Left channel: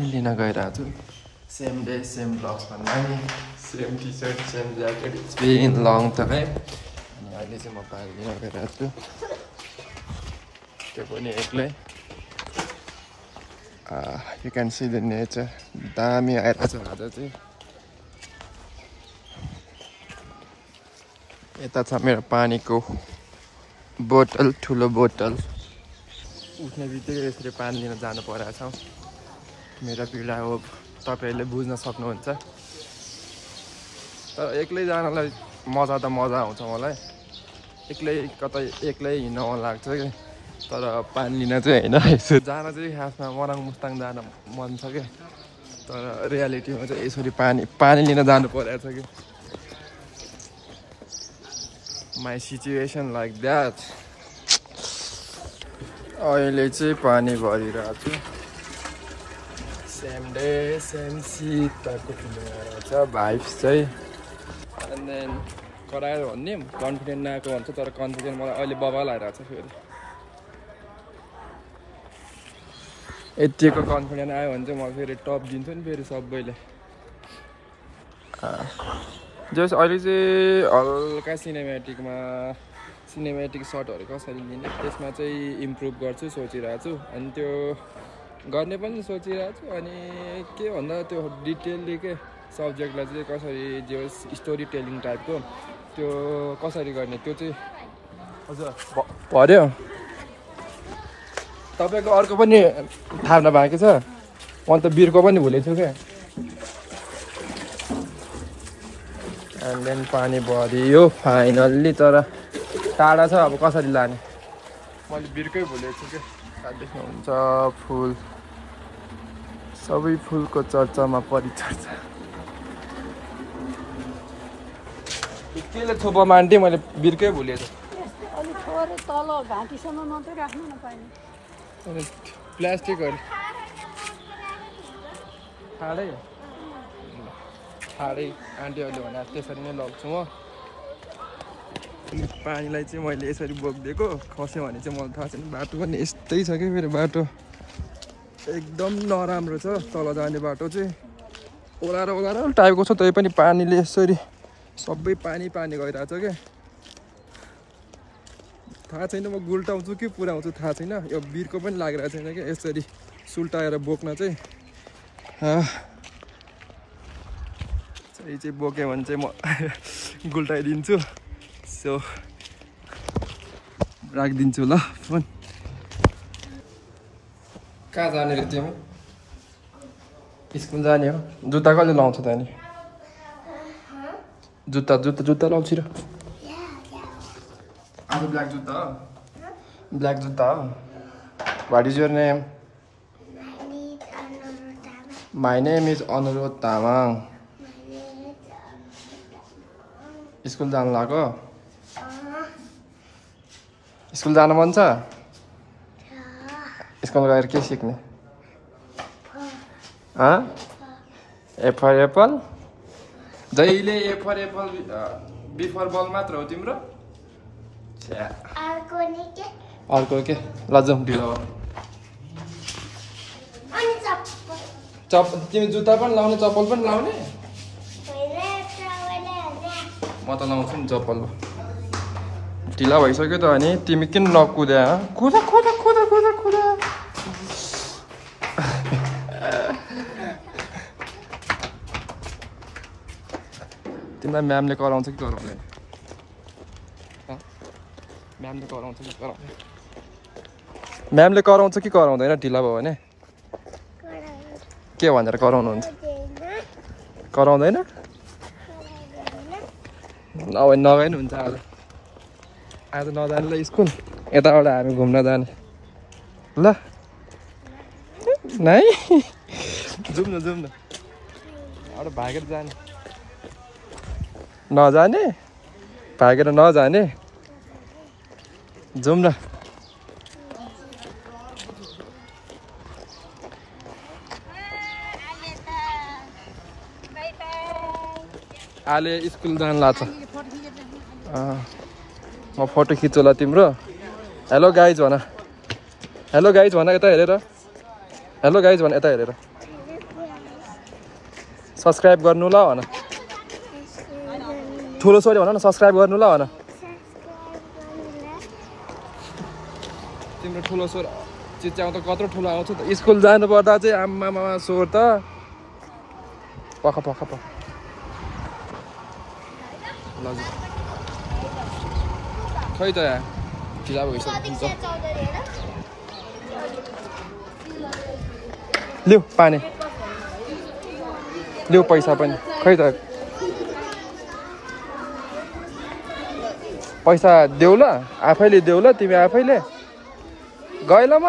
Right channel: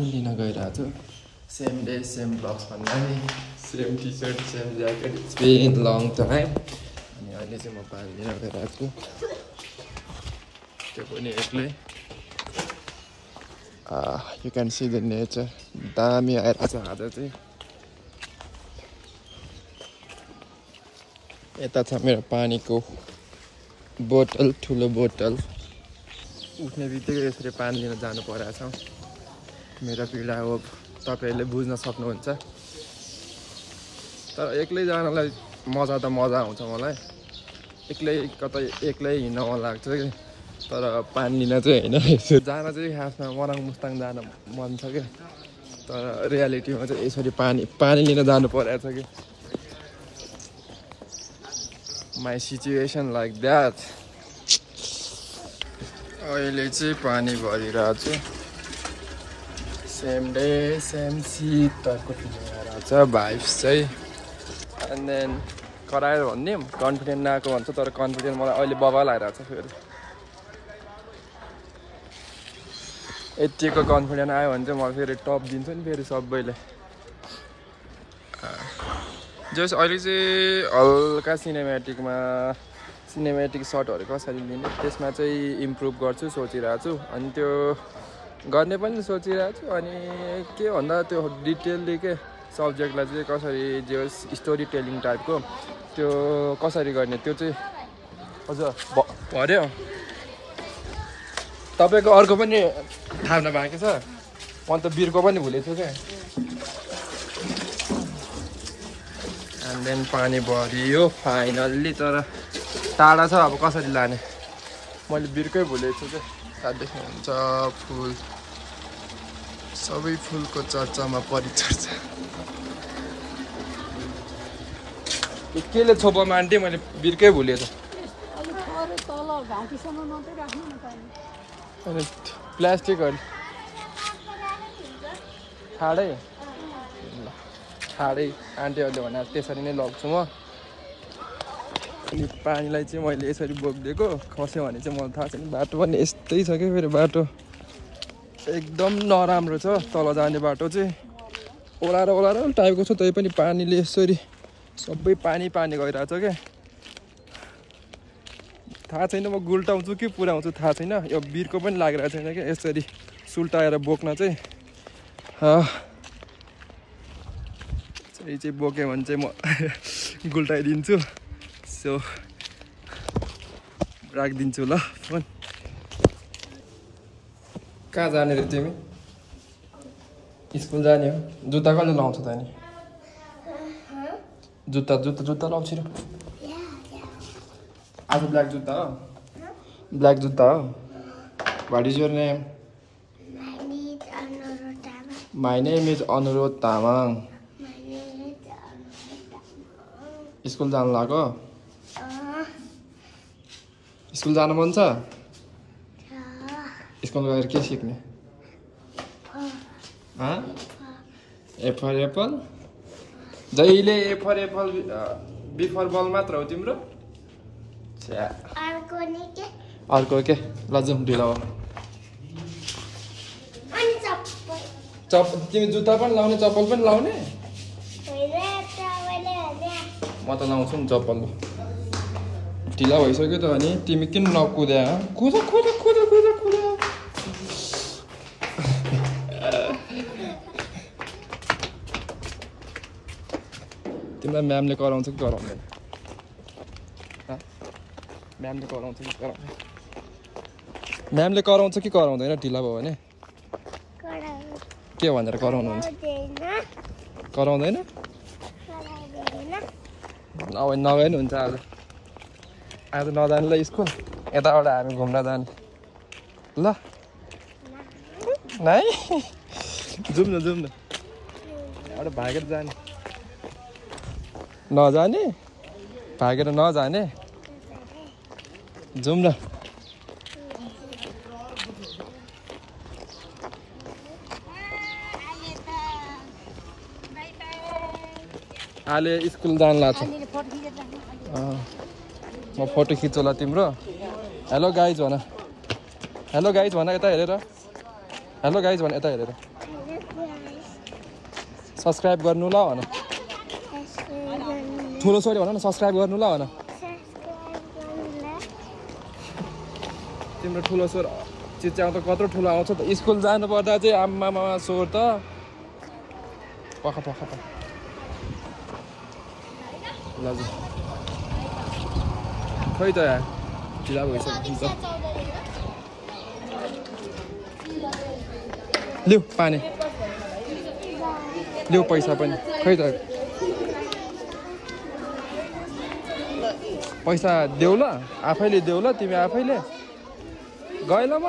पानी लिन गइरहेको छु सेम डे सेम ब्लग्स भन्दा नि same T shirt same jacket it's been long time अनि अहिले चाहिँ म पानी लिन गइरहेको छु त्यो पनि एक्लै you can see the nature दामी आइरहेको छ आज चाहिँ यता छ मेरो पानीको बोतल ठुलो बोतल उठ्ने बित्तिकै यसरी पानी लिन जानु परेको छ मेरो पीडा हो तपाईहरुले बुझ्न सक्नुहुन्छ तर एक्लै जानलाई मजा त मजा आउँछ मलाई एक्लै कतै एक्लै हिँड्न मन लाग्छ कि तर पानी लिन चाहिँ हैन यसो जान चाहिँ खासमा मराङ मुस्ताङ जान मन छ के तर रियालिटीमा चाहिँ यसरी पानी लिन जानु परेको छ कि my situation like that अहिले चाहिँ पानी भरिरहेको छु सेम डे सेम शीत टाइपको फिलिङ आइरहेको छ भाइब्स चाहिँ एन्ड देन कराएर भन्ने कन्फिडेन्ट नआएको भन्छ तर कन्फिडेन्ट मलाई अहिले बबाल आइरहेको छ फेरि यतिको कन्फिडेन्ट आयो भने चाहिँ म फेरि टप दिन्छु नि फेरि सबैले जस अहिले चाहिँ हल्का सिनेमेटिक सर्टहरू कसरी लिने त्यसमा चाहिँ इम्प्रुभ गर्छु सोचिरहेको छु अनि त्यो गर्ने पनि सोचिरहेको छु अनि के भन्दा त्यो डिटेलली के सब्जेक्टलाई चाहिँ कसरी जे स्टोरी टेलिङ टाइपको त्यो कसरी गर्ने त्यो चाहिँ अझ पर्यो तपाईको अर्को पनि थाहा बाँकी छ अन्त बिरको पनि भुलेछु क्या एन्ड देन पानी भरियो फाइनल्ली तर टाढा छ अब कसरी लाने मैले बिर्कै भुलेको छु क्या त्यहाँ देख्नुहुन्छ फुल सबै फुलको चर्चामा परिचर्चा केले छोपा मान्थे मैले बिर्कै भुलेको प्लास्टिकहरू छाडै आन्टीहरूले भने त्यसरी नै लग्छु म अनि पानीलाई चाहिँ मैले यसरी बोकिदिएको खस्यो भने चाहिँ मलाई थाहा छैन बाटो पनि यस्तै छ क्या फेरि बाटो एकदम नराम्रो छ तल जाने बाटो चाहिँ ओह्रालो टाइपको छ तै पनि पानीले यसरी सबै पानी गइरहेको छ क्या थाहा छैन म गुल्टाउँछु कि पुऱ्याउँछु थाहा छैन यो बिरको पनि लागिरहेको छैन क्या यसरी सुल्टाएर बोक्न चाहिँ चाहिँ बोक्यो भने चाहिँ म गुल्टाइदिन्छु सो राखिदिन्छु ल फोन कहाँ जाने रे तिमी स्कुल जाने हो जुत्ता कहिले लाउँछ त नि जुत्ता लाउँछु र आज ब्ल्याक जुत्ता हो what is your name my name is अनुरोध तामाङ स्कुल जानु लाग्यो स्कुल जानु मन छ स्कुल गएर के सिक्ने ए फर एप्पल जहिले ए फर एप्पल बी फर बल मात्र हो तिम्रो अर्को के ल जाउँ ढिलो हो तिमी जुत्ता पनि लाउने चप्पल पनि लाउने म त लाउँछु नि चप्पल ढिला भइसक्यो त अनि तिमी किन नकुद्या कुद तिमीलाई म्यामले कराउँछ कि कराउँदैन म्यामले कराउँछ कि कराउँदैन ढिला भयो भने के भनेर कराउनुहुन्छ कराउँदैन अब नगए नि हुन्छ आज नजाने ल स्कुल यताबाट हामी घुम्न जाने ल नै जाउँ न एउटा भागेर जाने नजाने भागेर नजाने जाउँ न आले स्कुल जान लाग्छ म फोटो खिच्छु तिम्रो हेलो गाइज भन यता हेरेर हेलो गाइज भन यता हेरेर सब्स्क्राइब गर्नु ल भन ठुलो छोरी भन न सब्स्क्राइब गर्नु ल भन तिम्रो ठुलो स्वर चिच्याउ त कत्रो ठुलो आउँछ त स्कुल जानु पर्दा चाहिँ आम्मामा स्वर त पख लज खै त ढिला भइसक्यो लिउ पानी लिउ पैसा पनि खै त पैसा देऊ ल आफैले देऊ ल तिमी आफैले गएल म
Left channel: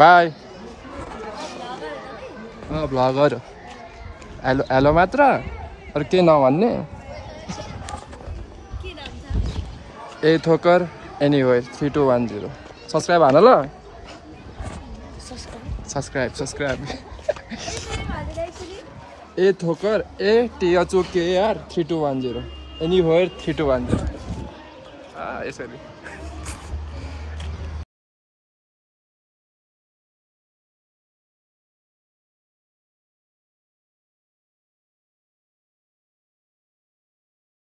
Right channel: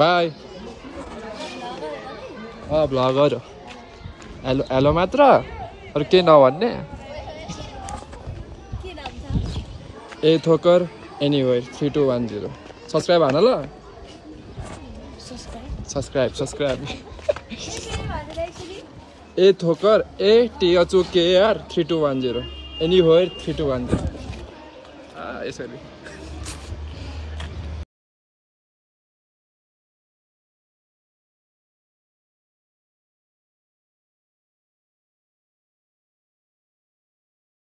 बाई भ्लगर हेलो हेलो मात्र अरू केही नभन्ने ए थोकर एनिवेयर 3210 सब्स्क्राइब हान ल सब्स्क्राइब ए थोकर ATHOKR 3210 एनिवेयर 3210 यसरी